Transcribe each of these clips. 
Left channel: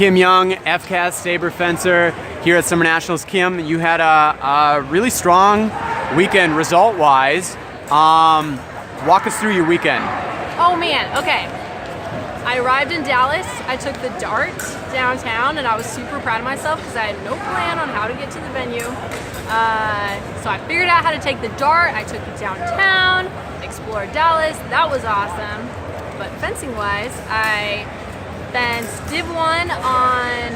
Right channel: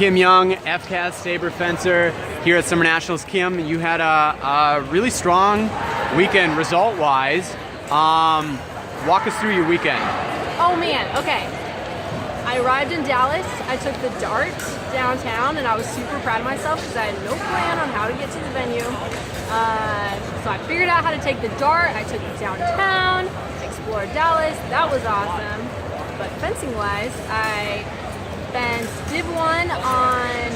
Kim Young, FCAS Saber fencer here at Summer Nationals. Kim, you had a really strong weekend result-wise. Walk us through your weekend. Oh man, okay. I arrived in Dallas, I took the DART downtown, and I was super proud of myself because I had no plan on how to get to the venue. So I figured out how to take the DART, I took it downtown, explored Dallas, that was awesome. But fencing-wise, I fenced Div 1 on,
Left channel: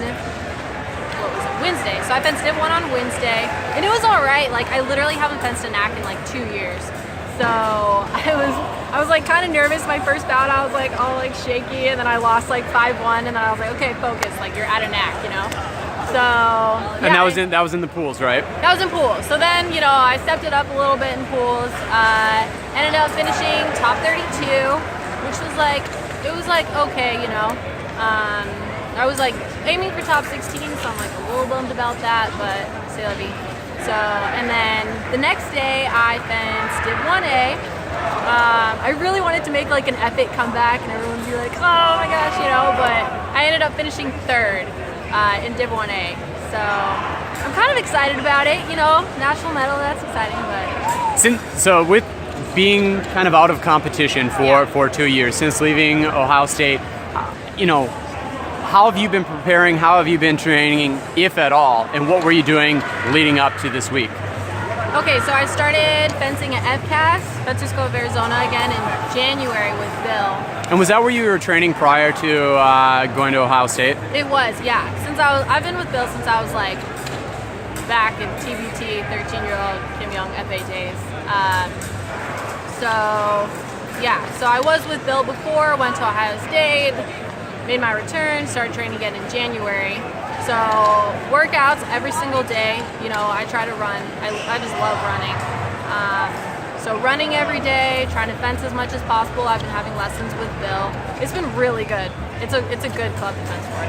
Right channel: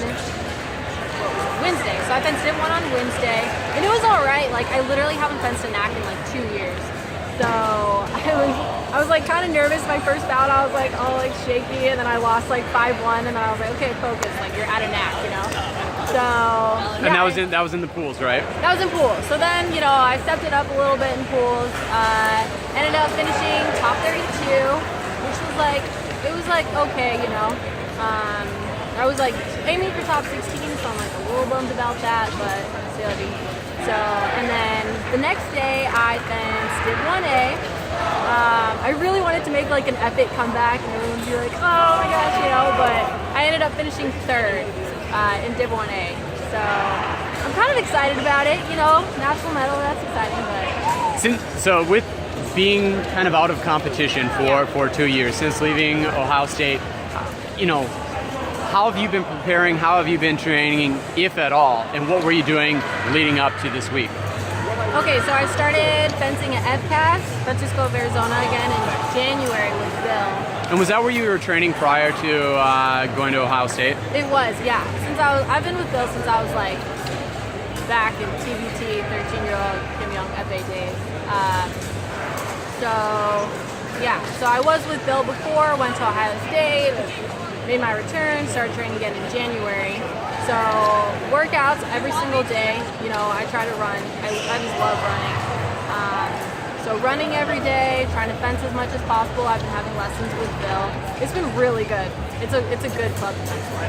Wednesday. So I fenced Div 1 on Wednesday, and it was all right. Like, I literally haven't fenced a knack in like 2 years. So I was like kind of nervous my first bout. I was like all like shaky, and then I lost like 5-1, and then I was like, okay, focus, like you're at a knack, you know? So yeah. And that was in the pools, right? That was in pools. So then, you know, I stepped it up a little bit in pools. Ended up finishing top 32, which was like, it was like okay, you know. I was like aiming for top 16, so I'm like a little bummed about that, but c'est la vie. So, and then the next day I fenced Div 1A. I really wanted to make like an epic comeback and everyone would be like, oh my gosh, you know, but I ended up finishing third in Div 1A. So I'm kind of excited about it, you know, national medal, that's exciting, but. So with being kind of out of competition for 2 years, since leaving Ohio State, you know, how have you been preparing? How have you been training, if at all? And what were you doing leading up to this week? Okay, so I started fencing at FCAS, Fencer School of Arizona, again in January with Bill. And was that where you were training prior to going to Ohio State? It was, yeah. I've been with Bill since I was like back in TBT, 13-year-old Kim Young Epee days. So I was with Bill before, went to Ohio State, made my return, started training again in January. So workouts every single day, you know, I try to run. I just love running. So running every day, trying to fence as much as possible. I've been having lessons with Bill. It's been really good. It's a good club to fence for.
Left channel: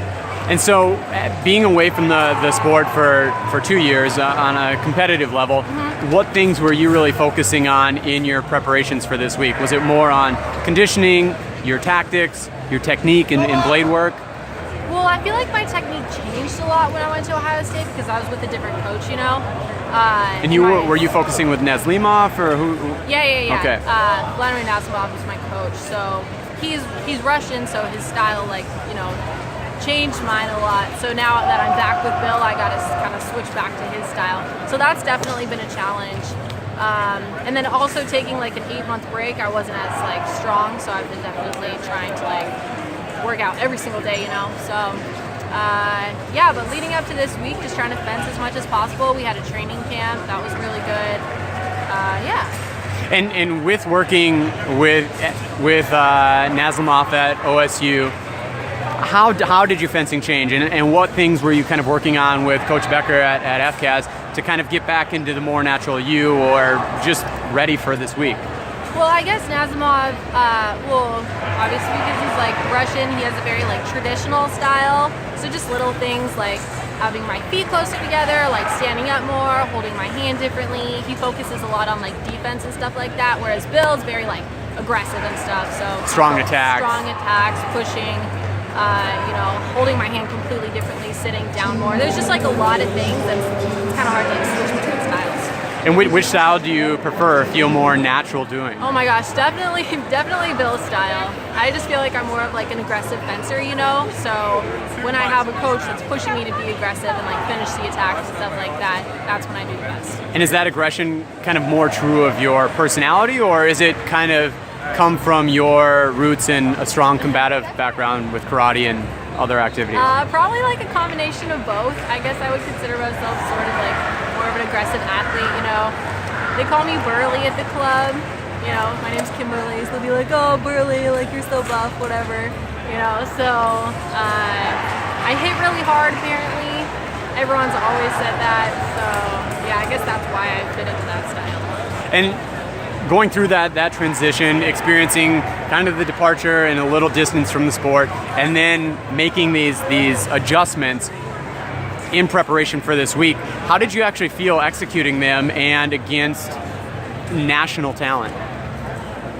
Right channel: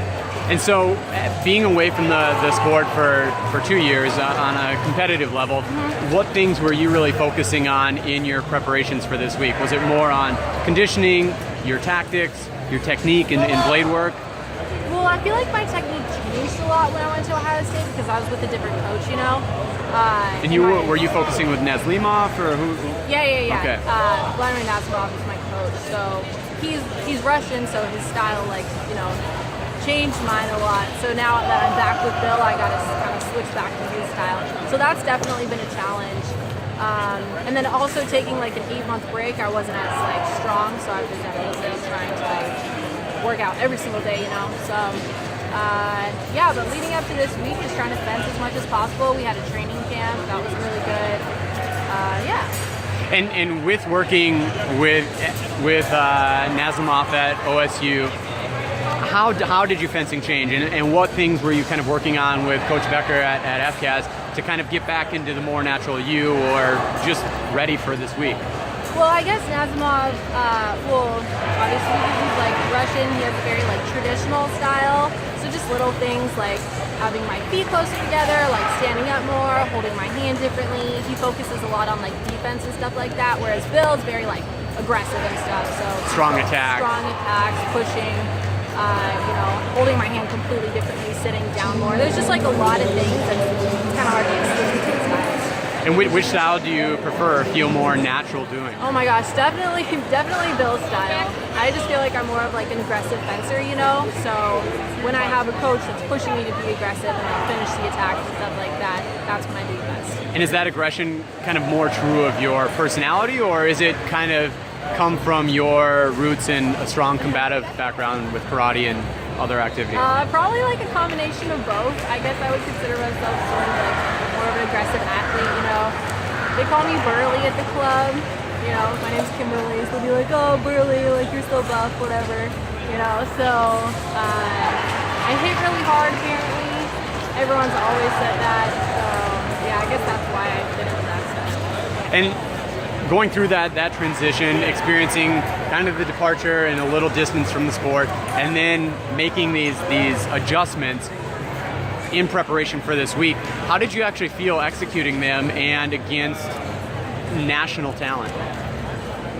And so being away from the sport for 2 years on a competitive level, what things were you really focusing on in your preparations for this week? Was it more on conditioning, your tactics, your technique in blade work? Well, I feel like my technique changed a lot when I went to Ohio State because I was with a different coach, you know. And were you focusing with Nazlimov or who? Yeah. Okay. Vladimir Nazlimov was my coach, so he's Russian, so his style, like, you know, changed mine a lot. So now that I'm back with Bill, I got to kind of switch back to his style. So that's definitely been a challenge. And then also taking like an 8-month break, I wasn't as like strong, so I've been definitely trying to like work out every single day, you know. So yeah, but leading up to this week, just trying to fence as much as possible. We had a training camp that was really good. Yeah. And with working with Nazlimov at OSU, how did your fencing change, and what things were you kind of working on with Coach Becker at FCAS to kind of get back into the more natural you, or just ready for this week? Well, I guess Nazlimov, obviously because he's like Russian, he has a very like traditional style. So just little things like having my feet closer together, like standing up more, holding my hand differently. He focuses a lot on like defense and stuff like that, whereas Bill's very like aggressive and stuff. So strong attacks, pushing. You know, holding my hand completely differently, sitting down more. There's just like a lot of things that it's kind of hard to like switch between styles. And which style do you prefer, feel more natural doing? Oh my gosh, definitely Bill's style. I just feel like I'm more of like an aggressive fencer, you know? So when I have a coach that's pushing me to be aggressive and like finish the attacks and stuff like that, that's when I do the best. And is that aggression kind of more true of your personality, or is it kind of come from your roots in a strong combative background with karate and other activities? Probably like a combination of both. I guess I would consider myself sort of like more of an aggressive athlete, you know. They call me Burly at the club. You know, my name's Kimberly, so they'll be like, oh, Burly, like you're so buff, whatever. You know, so I hit really hard apparently. Everyone's always said that. So yeah, I guess that's why I fit into that style. And going through that transition, experiencing kind of the departure and a little distance from the sport, and then making these adjustments in preparation for this week, how did you actually feel executing them and against national talent?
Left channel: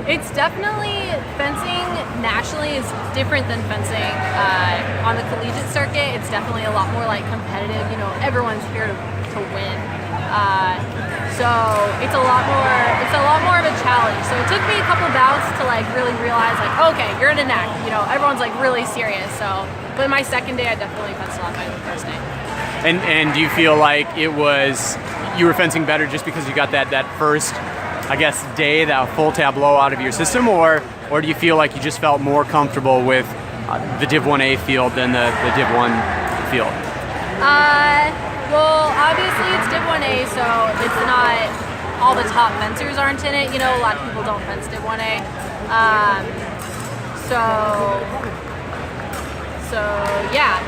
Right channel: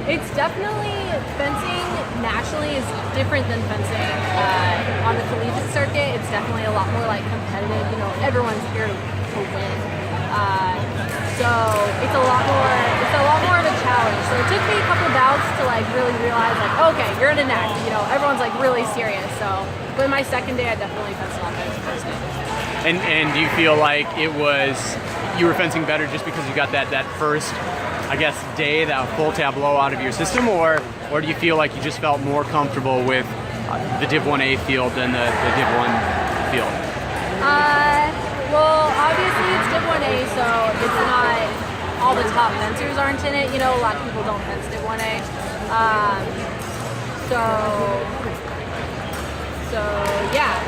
It's definitely, fencing nationally is different than fencing on the collegiate circuit. It's definitely a lot more like competitive. You know, everyone's here to win. So it's a lot more of a challenge. So it took me a couple bouts to like really realize like, okay, you're in a neck. You know, everyone's like really serious. So, but my second day, I definitely fenced a lot better than the first day. And do you feel like you were fencing better just because you got that first, I guess, day, that full tableau out of your system, or do you feel like you just felt more comfortable with the Div 1A field than the Div 1 field? Well, obviously it's Div 1A, so it's not all the top fencers aren't in it. You know, a lot of people don't fence Div 1A. So yeah.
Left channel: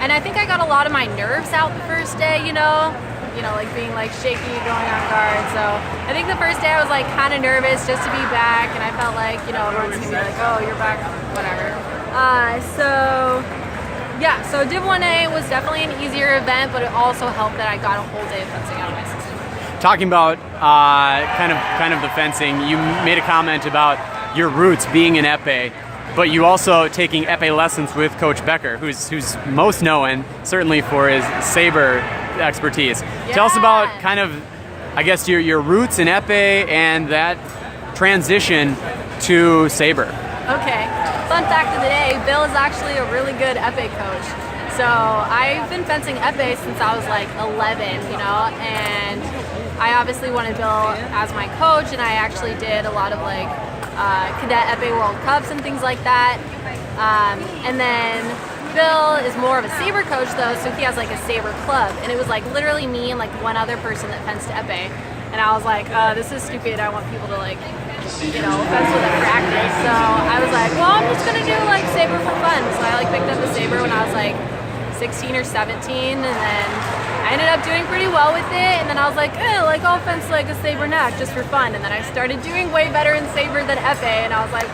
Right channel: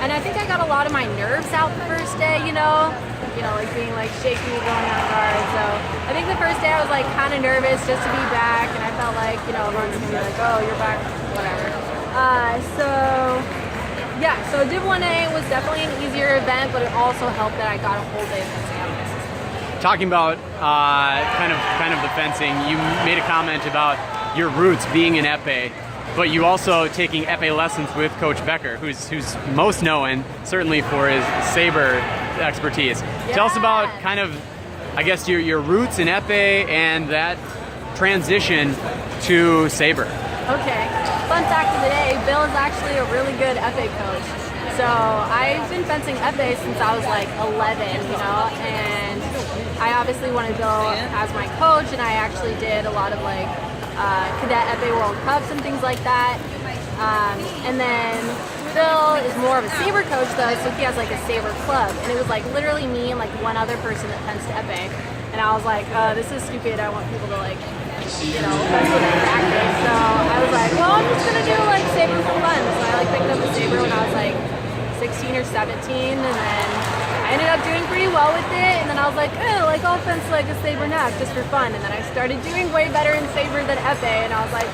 And I think I got a lot of my nerves out the first day, you know, like being like shaky going on guard. So I think the first day I was like kind of nervous just to be back, and I felt like, you know, everyone's gonna be like, oh, you're back, whatever. So Div 1A was definitely an easier event, but it also helped that I got a whole day of fencing out of my system. Talking about kind of the fencing, you made a comment about your roots being in Epee, but you also taking Epee lessons with Coach Becker, who's most known certainly for his Saber expertise. Yeah. Tell us about kind of, I guess, your roots in Epee and that transition to Saber. Okay, fun fact of the day, Bill is actually a really good Epee coach. So I've been fencing Epee since I was like 11, you know, and I obviously wanted Bill as my coach, and I actually did a lot of like cadet Epee World Cups and things like that. And then Bill is more of a Saber coach though, so he has like a Saber club, and it was like literally me and like one other person that fenced Epee. And I was like, this is stupid, I want people to like, you know, fence with at practice. So I was like, well, I'm just gonna do like Saber for fun. So I like picked up a Saber when I was like 16 or 17, and then I ended up doing pretty well with it. And then I was like, like I'll fence like a Saber neck just for fun. And then I started doing way better in Saber than Epee, and I was like,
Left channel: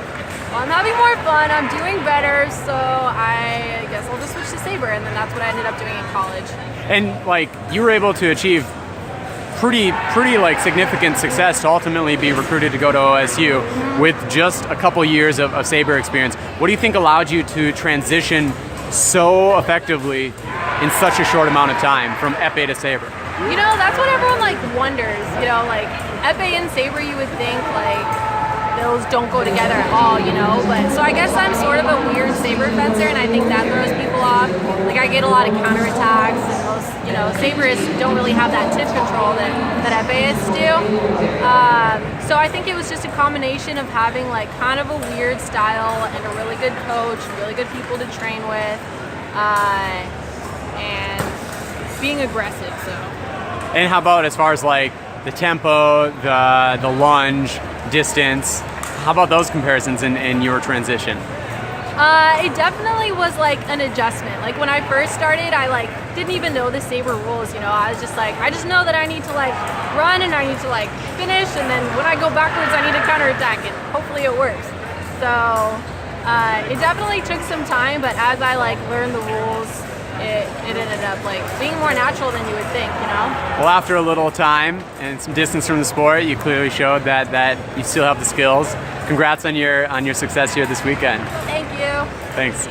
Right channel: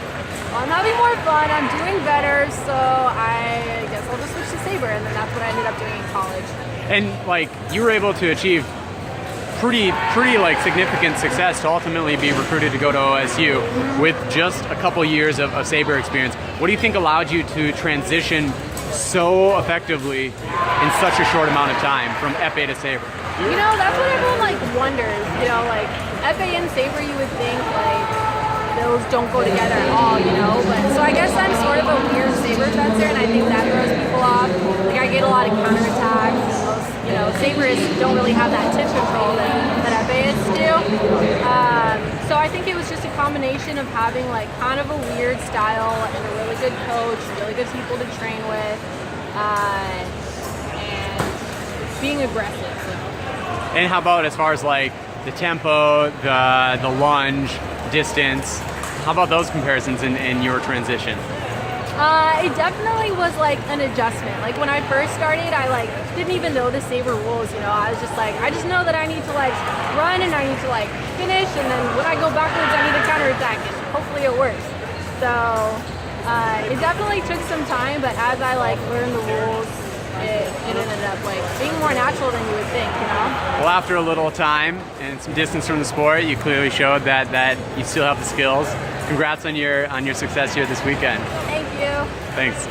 well, I'm having more fun, I'm doing better, so I guess I'll just switch to Saber. And then that's what I ended up doing in college. And like you were able to achieve pretty like significant success to ultimately be recruited to go to OSU with just a couple years of Saber experience. What do you think allowed you to transition so effectively in such a short amount of time from Epee to Saber? You know, that's what everyone like wonders. You know, like Epee and Saber, you would think like those don't go together at all, you know, but so I guess I'm sort of a weird Saber fencer, and I think that throws people off. Like I get a lot of counterattacks, and most, you know, Saberists don't really have that tip control that Epeists do. So I think it was just a combination of having like kind of a weird style and a really good coach, really good people to train with, and being aggressive. So. And how about as far as like the tempo, the lunge, distance? How about those comparisons in your transition? It definitely was like an adjustment. Like when I first started, I like didn't even know the Saber rules, you know. I was just like, I just know that I need to like run and I need to like finish, and then when I go backwards, I need to counterattack, and hopefully it works. So it definitely took some time, but as I like learned the rules, it ended up like being more natural than you would think, you know? Well, after a little time and some distance from the sport, you clearly showed that you still have the skills. Congrats on your success here this weekend. Thank you. Thanks.